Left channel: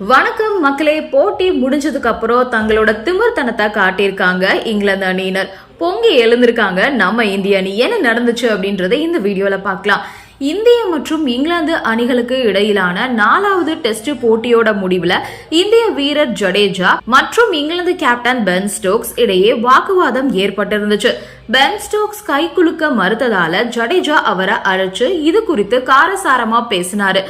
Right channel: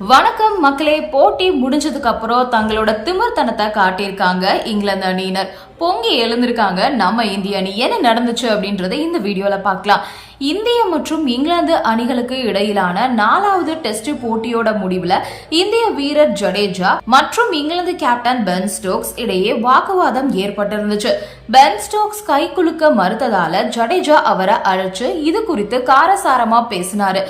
வணக்கம் மக்களே போட்டி முடிஞ்சதுக்கு அப்புறம் தங்களோட திமிர்த்தனத்தை காட்டியிருக்காங்க இங்கிலாந்து அணியினர். பொங்கி எழுந்திருக்காங்க. நம்ம இந்திய அணி என்ன நடந்துச்சு அப்படின்றத இந்த வீடியோல பார்க்கலாம். இந்திய மற்றும் இங்கிலாந்து அணிகளுக்கு இடையிலான நாலாவது டெஸ்ட் போட்டியோட முடிவுல இந்திய வீரர் ஜடேஜா மற்றும் இங்கிலாந்து கேப்டன் பென் ஸ்டோக்ஸ் இடையே வாக்குவாதம் ஏற்பட்டிருந்துச்சு. பென் ஸ்டோக்ஸ் கை குலுக்க மறுத்ததால ஜடேஜா அவரை அழைச்சு இது குறித்து காரசாரமா பேசினாரு.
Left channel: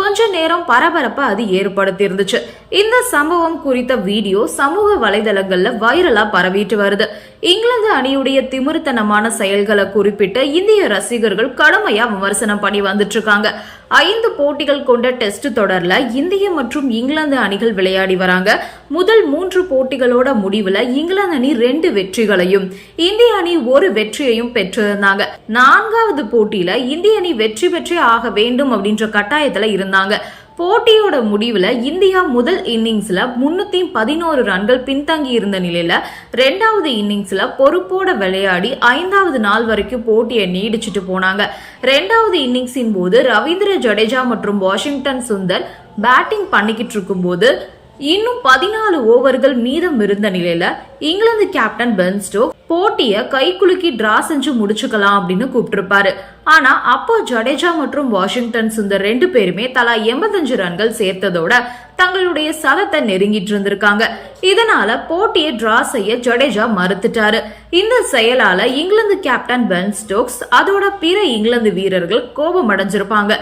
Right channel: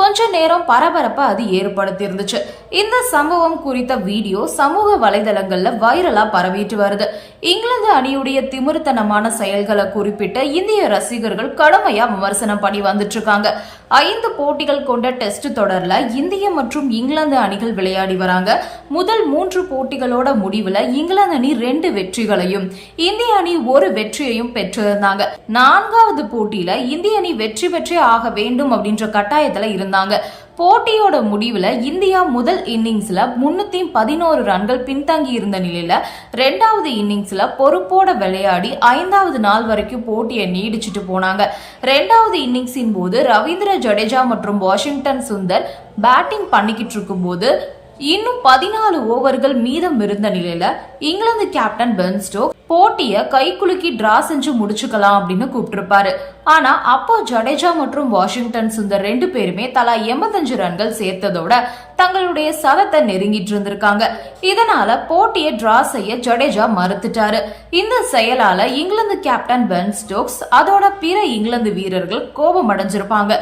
கொஞ்ச நேரம் பரபரப்பை அது ஏற்படுத்தி இருந்துச்சு இந்த சம்பவம் குறித்த வீடியோ சமூக வலைதளங்கள்ல வைரலா பரவிட்டு வருது. இங்கிலாந்து அணியுடைய திமிருத்தனமான செயல்களை குறிப்பிட்டு இந்திய ரசிகர்கள் கடுமையா விமர்சனம் பண்ணி வந்துட்டு இருக்காங்க. ஐந்து போட்டிகள் கொண்ட டெஸ்ட் தொடர்ல இந்திய மற்றும் இங்கிலாந்து அணிகள் விளையாடி வராங்க. முதல் மூன்று போட்டிகளோட முடிவுல இங்கிலாந்து அணி ரெண்டு வெற்றிகளையும் இந்திய அணி ஒரு வெற்றியையும் பெற்றிருந்தாங்க. நான்காவது போட்டியில இந்திய அணி வெற்றி பெற்றே ஆக வேண்டும் அப்படின்ற கட்டாயத்துல இருந்தாங்க. போட்டியோட முடிவில் இந்தியா முதல் இன்னிங்ஸில் முன்னூற்றி பதினோரு ரன்கள் பின்தங்கி இருந்த நிலையில் ரெண்டாவது இன்னிங்ஸில் பொறுப்போட விளையாடி ஐந்தாவது நாள் வரைக்கும் போட்டியை நீடிச்சிட்டு போனாங்க. ரெண்டாவது இன்னிங்ஸின் போது ரவீந்திர ஜடேஜா மற்றும் வாஷிங்டன் சுந்தர் பேட்டிங் பண்ணிக்கிட்டு இருக்கும்போது இன்னும் பதினாலு ஓவர்கள் மீதம் இருந்த நிலையில் இங்கிலாந்து கேப்டன் பென் ஸ்டோக் போட்டிய கை குலுக்கி டிரா செஞ்சு முடிச்சுக்கலாம் அப்படின்னு கூப்பிட்டுருப்பாரு. ஆனா அப்போ ஜடேஜா மற்றும் வாஷிங்டன் சுந்தர் ரெண்டு பேருமே தலா எண்பத்தஞ்சு ரன்கள் சேர்த்ததோட தங்களுடைய சதத்தை நெருங்கிட்டு இருந்திருக்காங்க. இதனால போட்டியை டிரா செய்ய ஜடேஜா மறுத்துட்டாரு. இந்த செயலால இங்கிலாந்து கேப்டன் பென் ஸ்டோக்ஸ் அதோட பிற இங்கிலாந்து வீரர்கள் கோபம் அடைஞ்சிருப்பாங்க.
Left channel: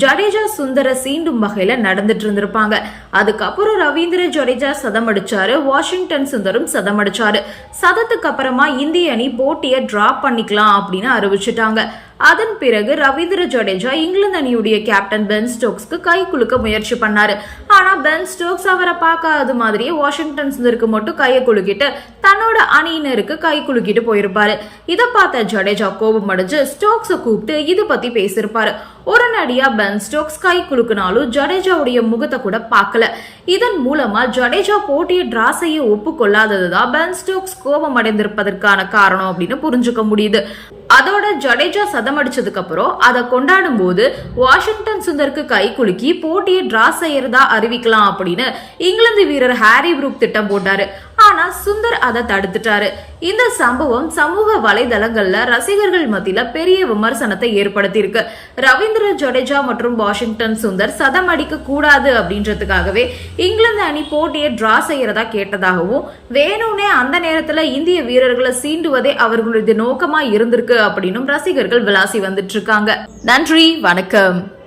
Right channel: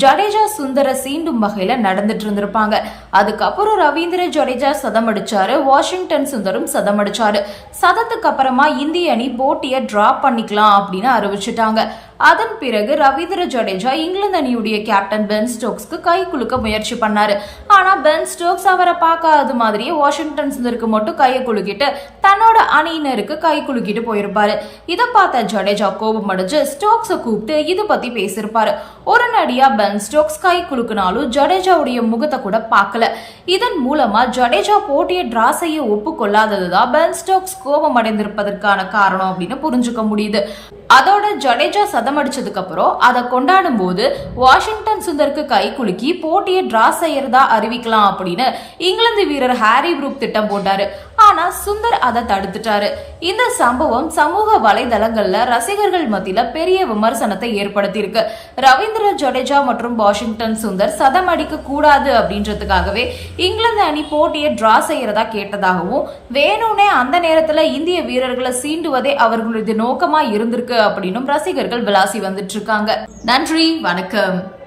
ஜடேஜா சுந்தர சீண்டும் வகையில நடந்துட்டு இருந்திருப்பாங்க. அதுக்கப்புறம் ரவீந்திர ஜடேஜா சதம் அடிச்சாரு வாஷிங்டன் சுந்தரும் சதம் அடிச்சாரு. சதத்துக்கு அப்புறமா இந்திய அணி போட்டியை டிராப் பண்ணிக்கலாம் அப்படின்னு அறிவிச்சிட்டாங்க. அதன் பிறகு ரவீந்திர ஜடேஜா இங்கிலாந்து அணியுடைய கேப்டன் பென் ஸ்டோக்ஸ்க்கு கை குலுக்க முயற்சி பண்ணாரு. ஆனா பென் ஸ்டோக்ஸ் அவரை பார்க்காத மாதிரியே வாஷிங்டன் சுந்தருக்கு மட்டும் கையை குலுக்கிட்டு தன்னோட அணியினருக்கு கை குலுக்கிட்டு போயிருப்பாரு. இதை பார்த்த ஜடேஜா கோபம் அடைஞ்சு ஸ்டோக்ஸை கூப்பிட்டு இது பத்தி பேசியிருப்பாரு. உடனடியா பென் ஸ்டோக்ஸ் கை குலுக்கினாலும் ஜடேஜாவுடைய முகத்தை கூட பார்க்கல. இதன் மூலமா ஜடேஜா போட்டியை டிரா செய்ய ஒப்புக்கொள்ளாததுதான் பென் ஸ்டோக்ஸ் கோபம் அடைந்திருப்பதற்கான காரணம் அப்படின்னு புரிஞ்சுக்க முடியுது. அதோட ஜடேஜா சதம் அடிச்சதுக்கு அப்புறம் அதை கொண்டாடும் போது வாஷிங்டன் சுந்தருக்கு கை குலுக்கி போட்டியை டிரா செய்யறதா அறிவிக்கலாம் அப்படின்னு இங்கிலாந்து வீரர் ஹாரி புரூக் திட்டம் போட்டாரு. ஆனா சுந்தர் அதை தடுத்துட்டாரு. இந்த சம்பவம் சமூக வலைதளங்கள்ல ரசிகர்கள் மத்தியில பெரிய விமர்சனத்தை ஏற்படுத்தியிருக்கு. ரவீந்திர ஜடேஜா மற்றும் வாஷிங்டன் சுந்தர் சதம் அடிக்க கூடாது அப்படின்றதுக்காகவே இங்கிலாந்து அணி போட்டியை டிரா செய்யறதா கேட்டதாகவும் வேணும்னே அந்த நேரத்துல இந்திய வீரர்களை சீண்டுவதே அவர்களுடைய நோக்கமா இருந்திருக்கு அப்படின்னும் ரசிகர்கள் விளாசி வந்துட்டு இருக்காங்க. நன்றி வணக்கம்.